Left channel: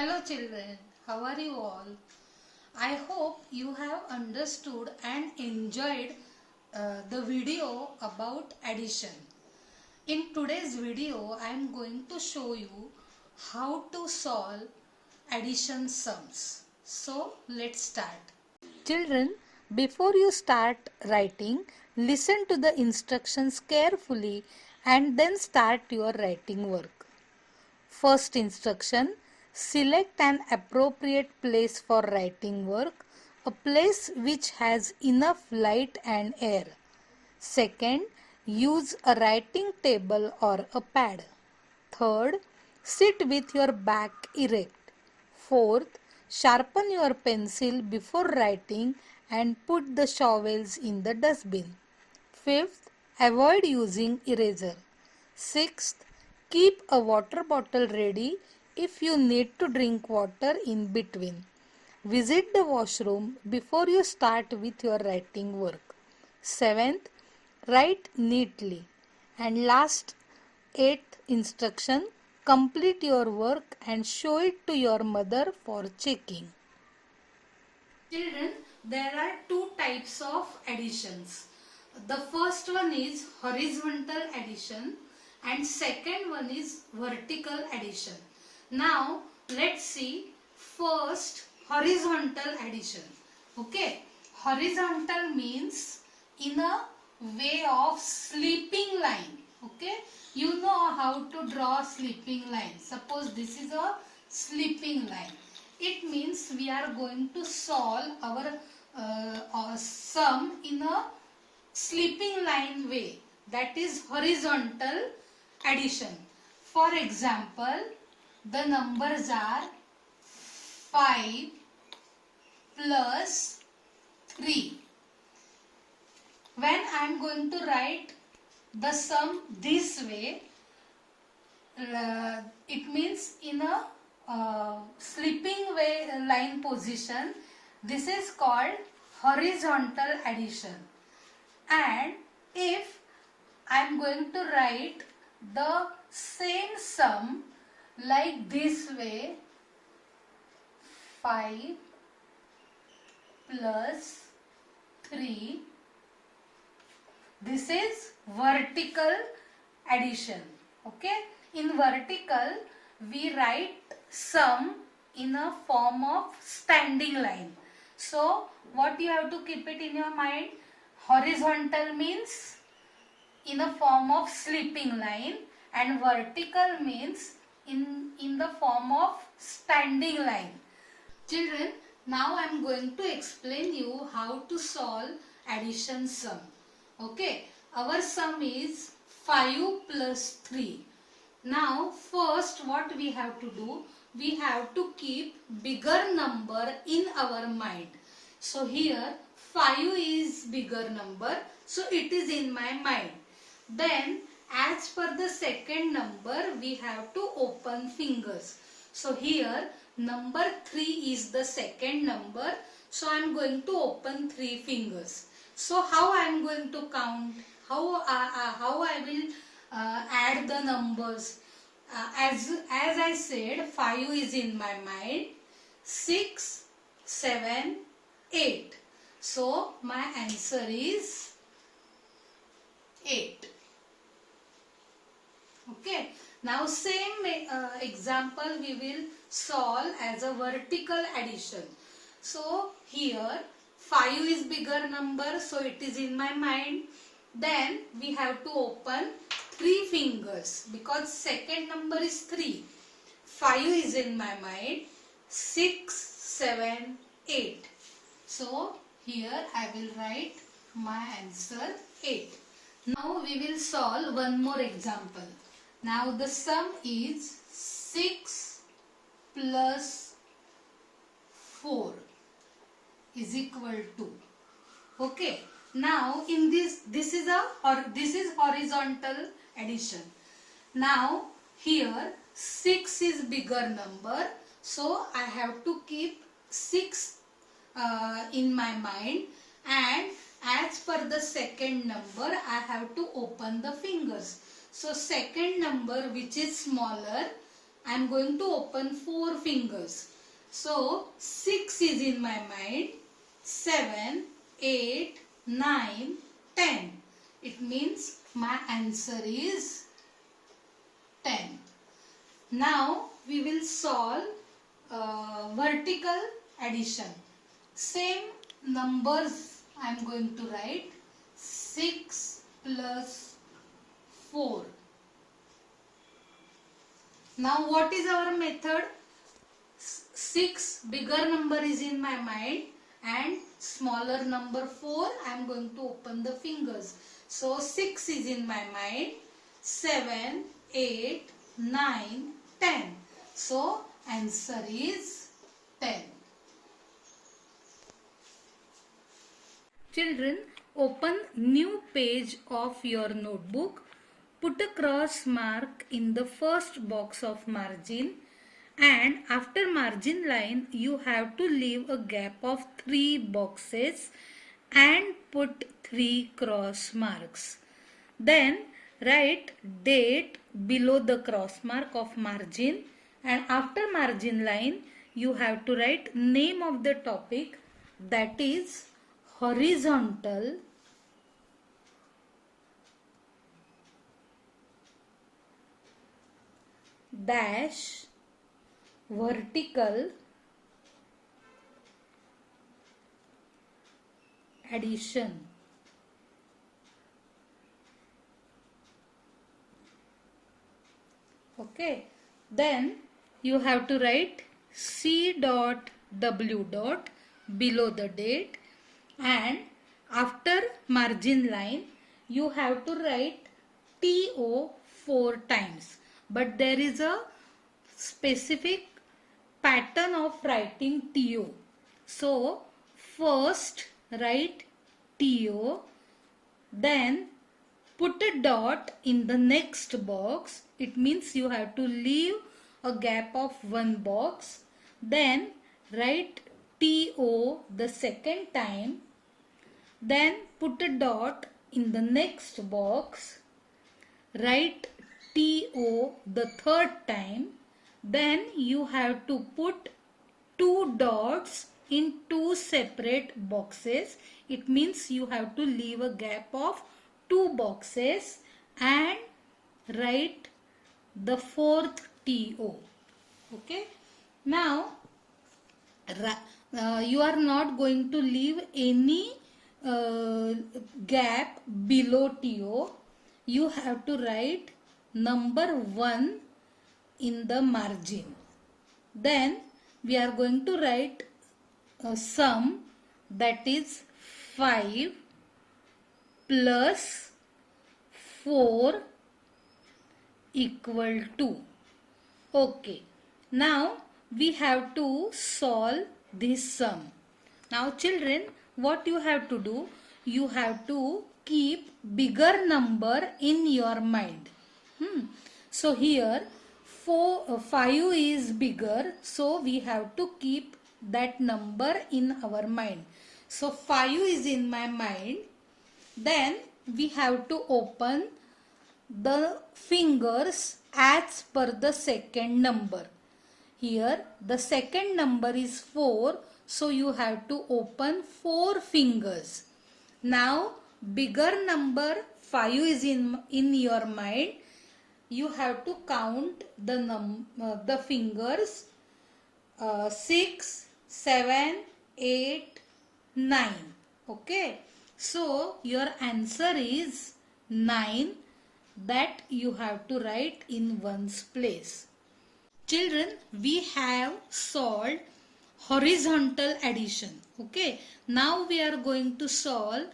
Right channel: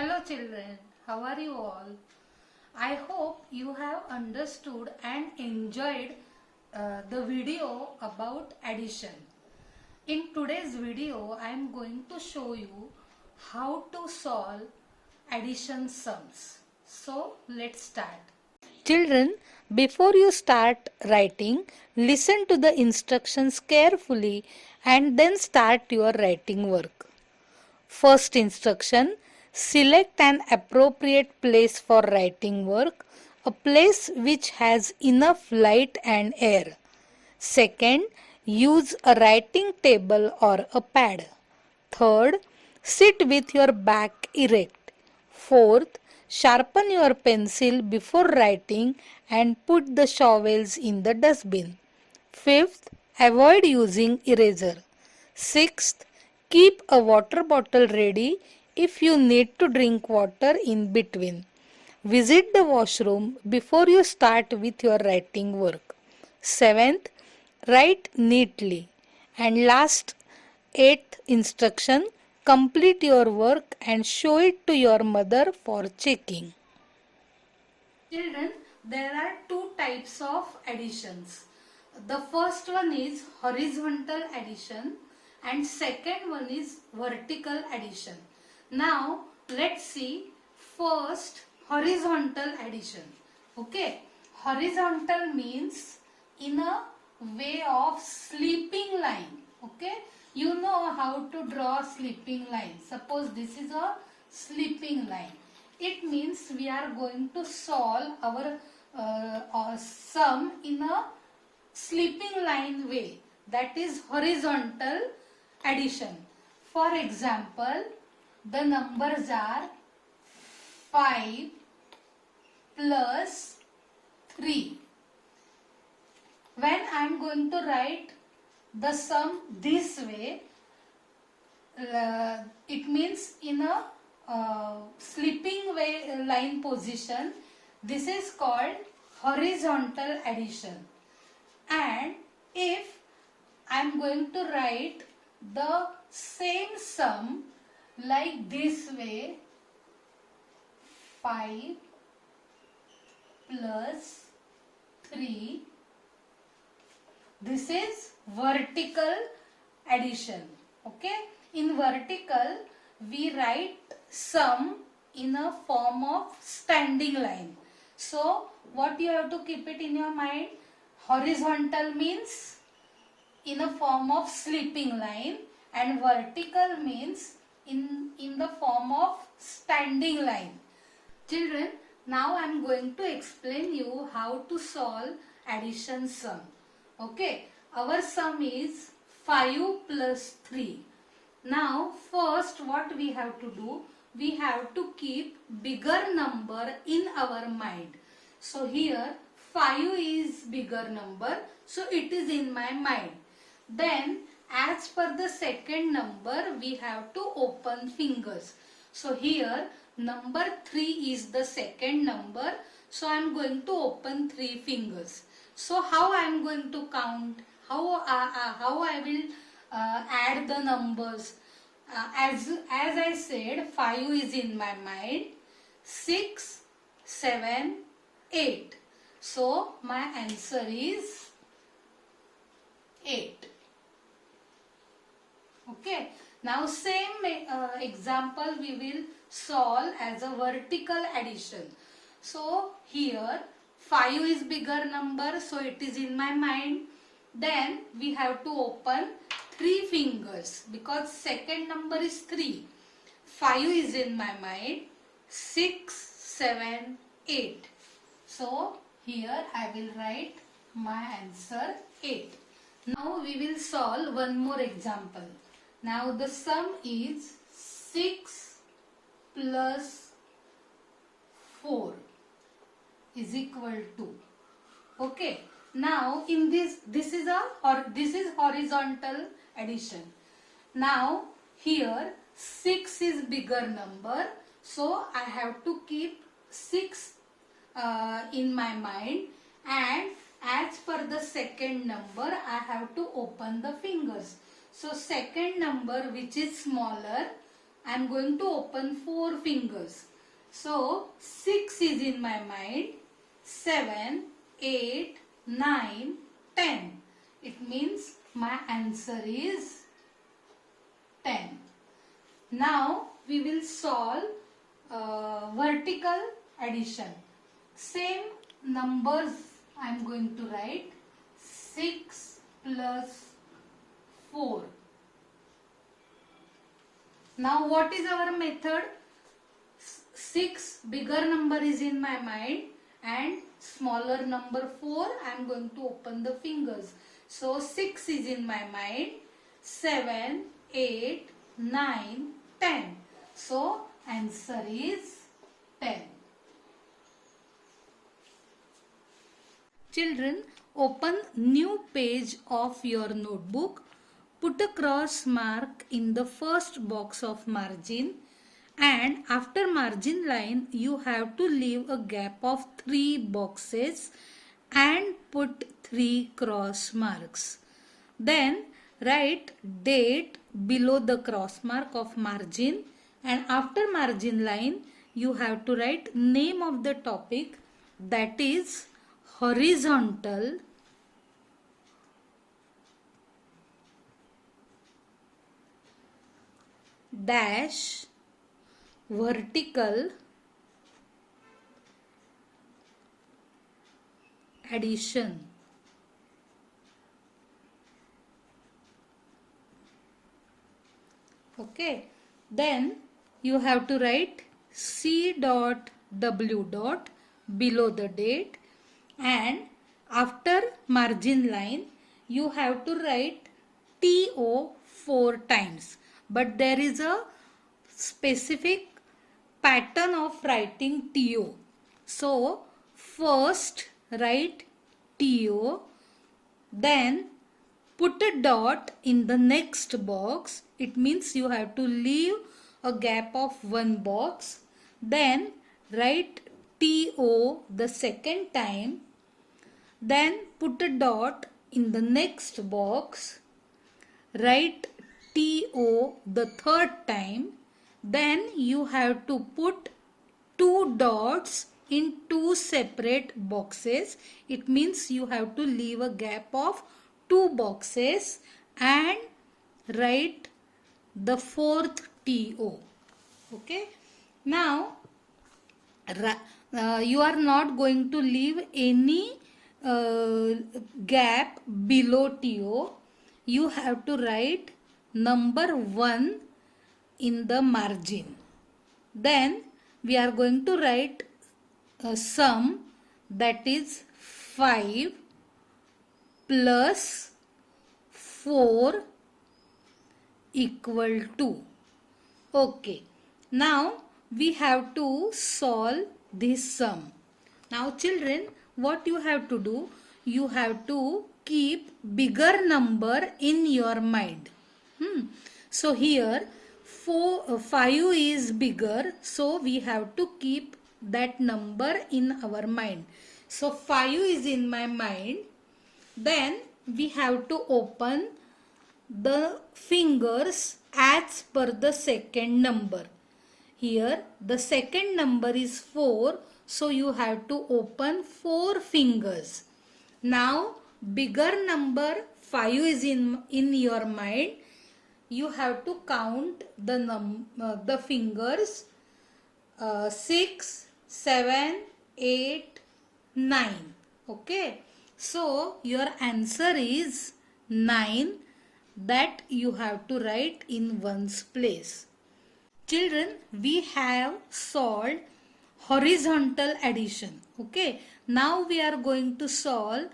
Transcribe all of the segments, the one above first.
Hello children, how are you all? I hope you have understood and enjoyed the video about addition. In today's video, I am going to show you how to solve addition sums. So let's start. Children, before you start writing, listen to the instructions carefully and then start your writing work. First instruction, select an appropriate place for writing work, a place which has enough light and air. Second, use a writing table or a pad. Third, sit with your back erect. Fourth, sharpen your pencil before writing and put the shovels in the dustbin. Fifth, avoid using eraser. Sixth, keep a water bottle ready if you need to drink water in between. Visit the washroom before you start with your writing work. Seventh, write neatly. And last, eighth instruction, complete your work and show it to your mother for checking. Children, there are two types of additions. The first one is horizontal addition and second one is vertical addition. Now let's see first horizontal addition. Okay, horizontal means in a way of sleeping line. Okay, you know how to draw sleeping line. Suppose this is a sleeping line. It means we are going to solve our sum in a sleeping line way, that is horizontal addition. For example, the numbers are 5 plus 3. When I am going to write the sum this way, it means in a sleeping way line position. This is called horizontal addition. And if I am going to write the same sum like this way, 5 plus 3, this is vertical addition. Okay, in vertical we write sum in a form of standing line. So what you have to keep it in your mind, horizontal means in a form of sleeping line and vertical means in the form of standing line. Children, now I am going to explain you how to solve addition sum. Okay, our sum is 5 plus 3. Now first what we have to do, we have to keep bigger number in our mind. So here 5 is bigger number, so it is in my mind. Then as per the second number we have to open fingers. So here number 3 is the second number, so I am going to open 3 fingers. So how I am going to count? How I will add the numbers? As I said, 5 is in my mind, 6, 7, 8. So my answer is 8. Okay. Now same example we will solve as a vertical addition. So here 5 is bigger number, so it is in my mind. Then we have to open 3 fingers because second number is 3. 5 is in my mind, 6, 7, 8. So here I will write my answer 8. Now we will solve one more example. Now the sum is 6 plus 4 is equal to. Okay. Now in this is horizontal addition. Now here 6 is bigger number, so I have to keep 6 in my mind, and as per the second number I have to open the fingers. So second number which is smaller, I am going to open 4 fingers. So 6 is in my mind. 7, 8, 9, 10. It means my answer is 10. Now we will solve vertical addition. Same numbers I am going to write. 6 plus 4. Now what is our method? 6 bigger number is in my mind and smaller number 4 I am going to open the fingers. So 6 is in my mind. 7, 8, 9, 10. So answer is 10. Children, open new page of your notebook. Put a cross mark in the first box of margin, and after margin line you have to leave a gap of 3 boxes and put 3 cross marks. Then write date below the cross mark of margin, and after margin line you have to write name of the topic, that is horizontal dash vertical addition. Okay, then you have to write C dot W dot below the date, and after margin line you have to write TO 4 times, but there is a specific pattern of writing TO. So first write TO, then put a dot in the next box. It means you have to leave a gap of 1 box. Then write TO the second time. Then put a dot in the next box. Write TO the third time. Then you have to put 2 dots in 2 separate boxes. It means you have to leave a gap of 2 boxes and write the fourth TO. Okay. Now you are not going to leave any gap below TO. You have to write number 1 in the margin. Then we are going to write a sum, that is 5 plus 4 equal to. Okay. Now we have to solve this sum. Now children, what you have to do? You have to keep bigger number in your mind. So here 5 is bigger, so we have to keep that number in our mind. So 5 is in my mind. Then we have to open the fingers as per the second number. Here the second number is 4, so you have to open 4 fingers. Now bigger number 5 is in your mind. You have to count the fingers 6, 7, 8, 9. Okay. So your answer is 9, that you have to write in one's place. Children, we have solved horizontal addition. Okay. Now we are going to solve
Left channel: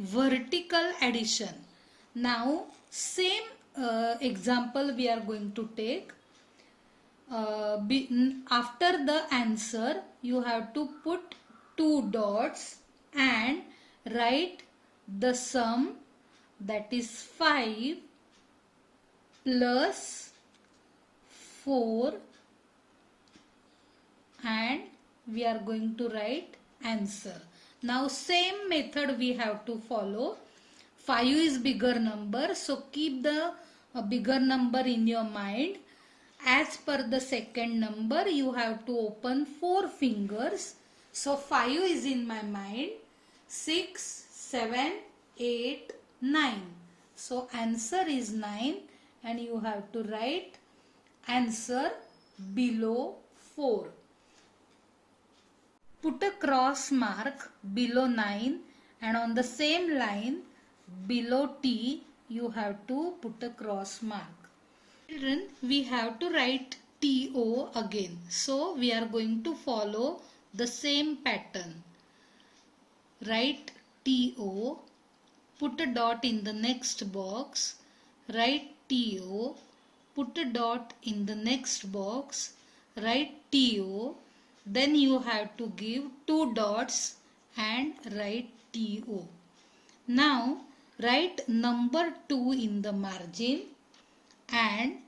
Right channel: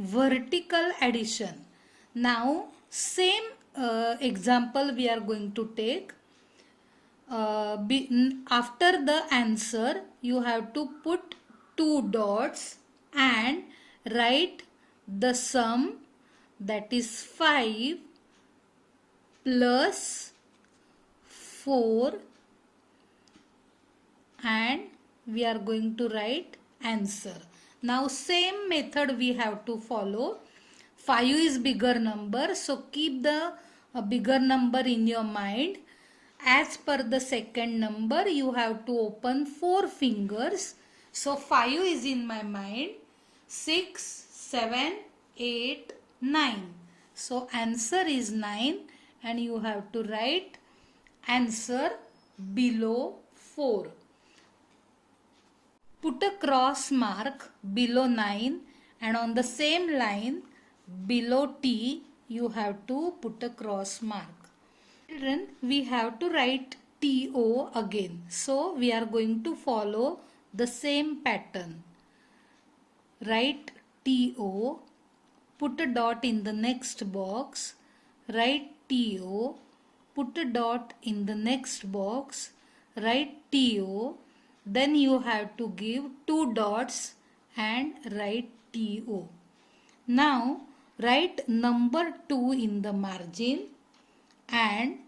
vertical addition. Now same example we are going to take. After the answer you have to put 2 dots and write the sum, that is 5 plus 4, and we are going to write answer. Now same method we have to follow. 5 is bigger number, so keep the bigger number in your mind As per the second number, you have to open 4 fingers. So 5 is in my mind. 6, 7, 8, 9. So answer is 9 and you have to write answer below 4. Put a cross mark below 9 and on the same line below T you have to put a cross mark. Children, we have to write TO again. So we are going to follow the same pattern. Write TO, put a dot in the next box, write TO, put a dot in the next box, write TO, then you have to give 2 dots and write TO. Now write number 2 in the margin and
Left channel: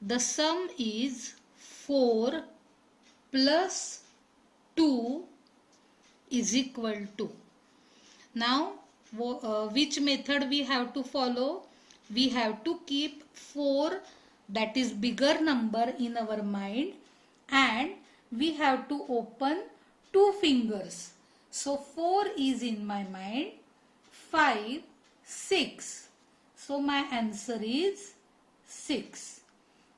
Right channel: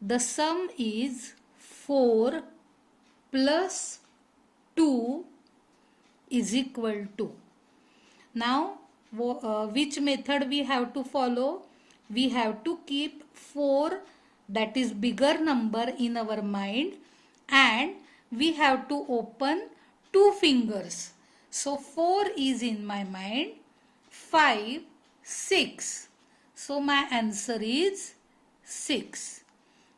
the sum is 4 plus 2 is equal to. Now which method we have to follow? We have to keep 4, that is bigger number, in our mind and we have to open 2 fingers. So 4 is in my mind, 5, 6. So my answer is 6.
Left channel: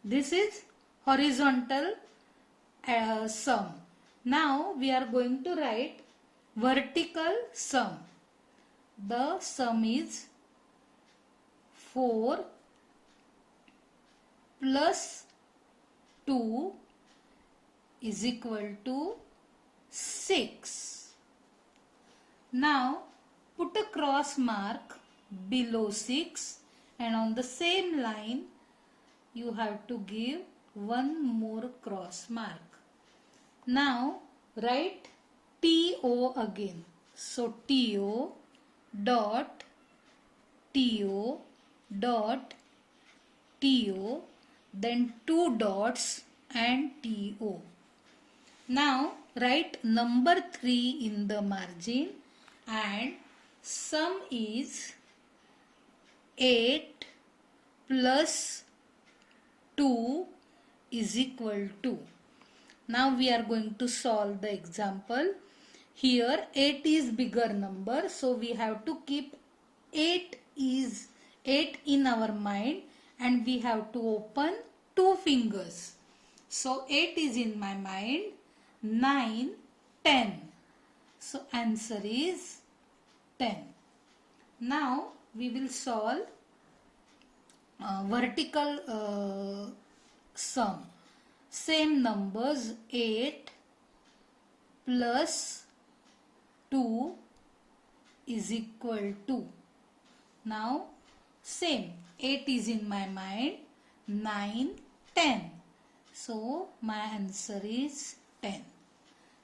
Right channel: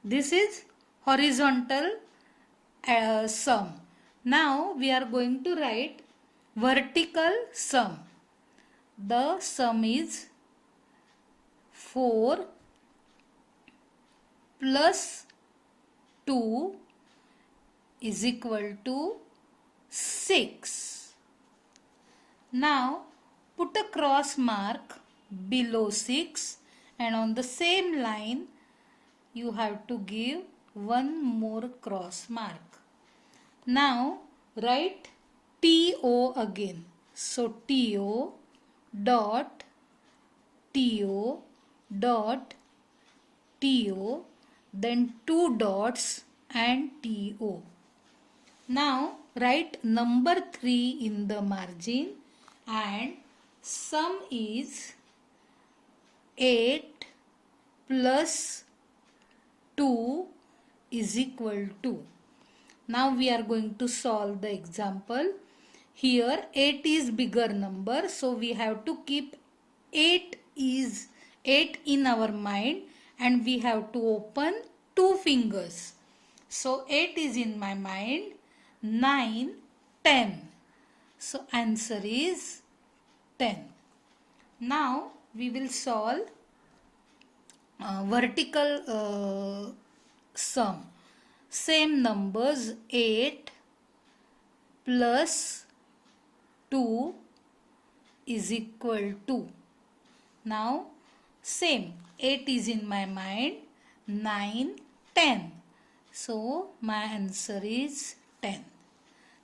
This is horizontal sum. Now we are going to write vertical sum. The sum is 4 plus 2 is equal to 6. Now put a cross mark below 6 and on the same line you have to give one more cross mark. Now write TO again. So TO dot TO dot TO, then 2 dots and TO. Now write number 3 in the margin and sum is 8 plus 2 is equal to. Now we are going to solve the example. Here 8 is bigger number, so we have to keep 8 in our mind and we have to open 2 fingers. So 8 is in my mind, 9, 10. So answer is 10. Now we will solve vertical sum. Same numbers, 8 plus 2 is equal to. Now same, 8 is in my mind, 9, 10. So my answer is 10.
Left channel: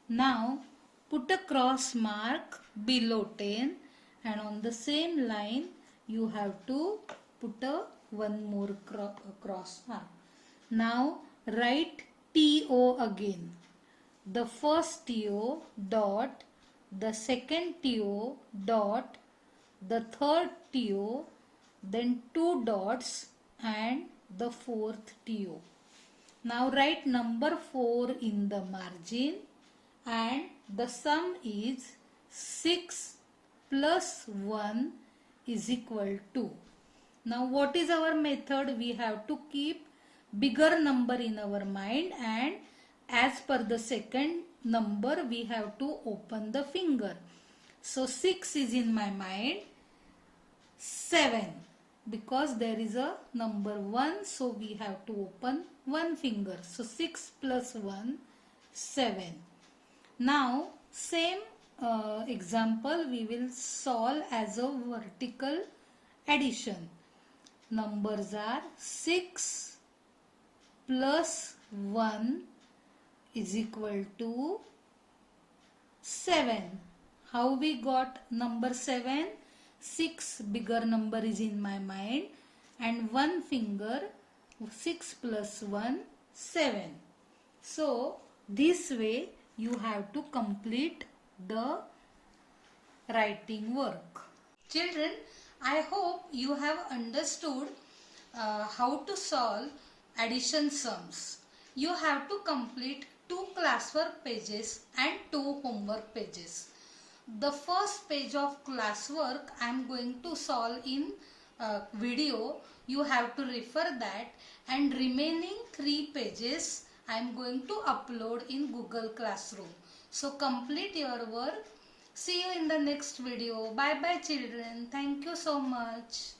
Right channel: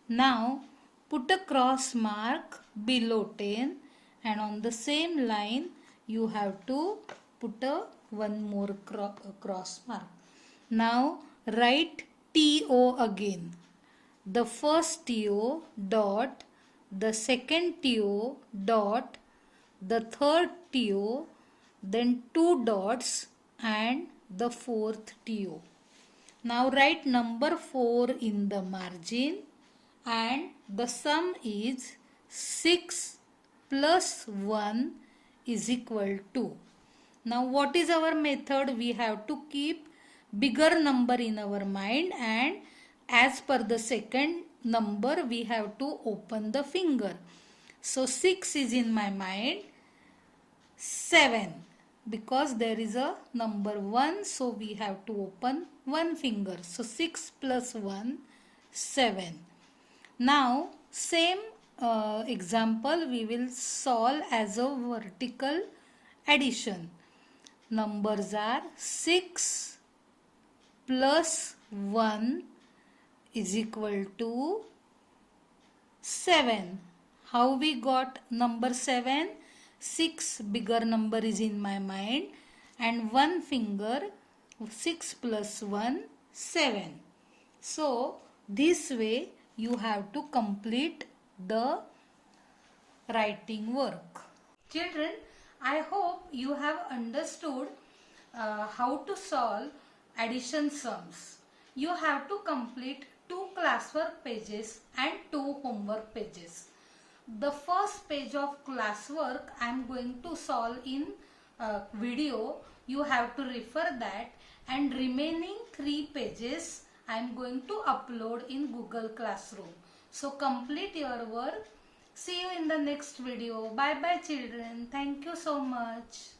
Now put a cross mark below 10 and on the same line you have to put a one more cross mark. Now write TO again. The first TO dot, the second TO dot, the third TO, then 2 dots and the fourth TO. Now write number 4 in the margin and the sum is 6 plus 1 is equal to. Now what is our method? We have to keep bigger number in our mind and as per the second number we have to open the finger. So 6 is in my mind, 7, because there is a number 1, so we have to open one finger. So 6 plus 1, 7. Now same example we will solve as a vertical addition. Numbers are 6 plus 1 is equal to 7. How we got number 7? 6 bigger number is in my mind and one finger, 6 plus 1, 7. So this way you have to complete the writing work. Children, I hope you have understood how to solve addition sums. you have to complete 2 classwork pages and 2 homework pages. The first page of classwork I am going to solve in video. You have to refer that, and remaining 3 pages I am going to upload in Google Classroom. So complete your work. See you in the next video. Bye bye children. Thank you so much.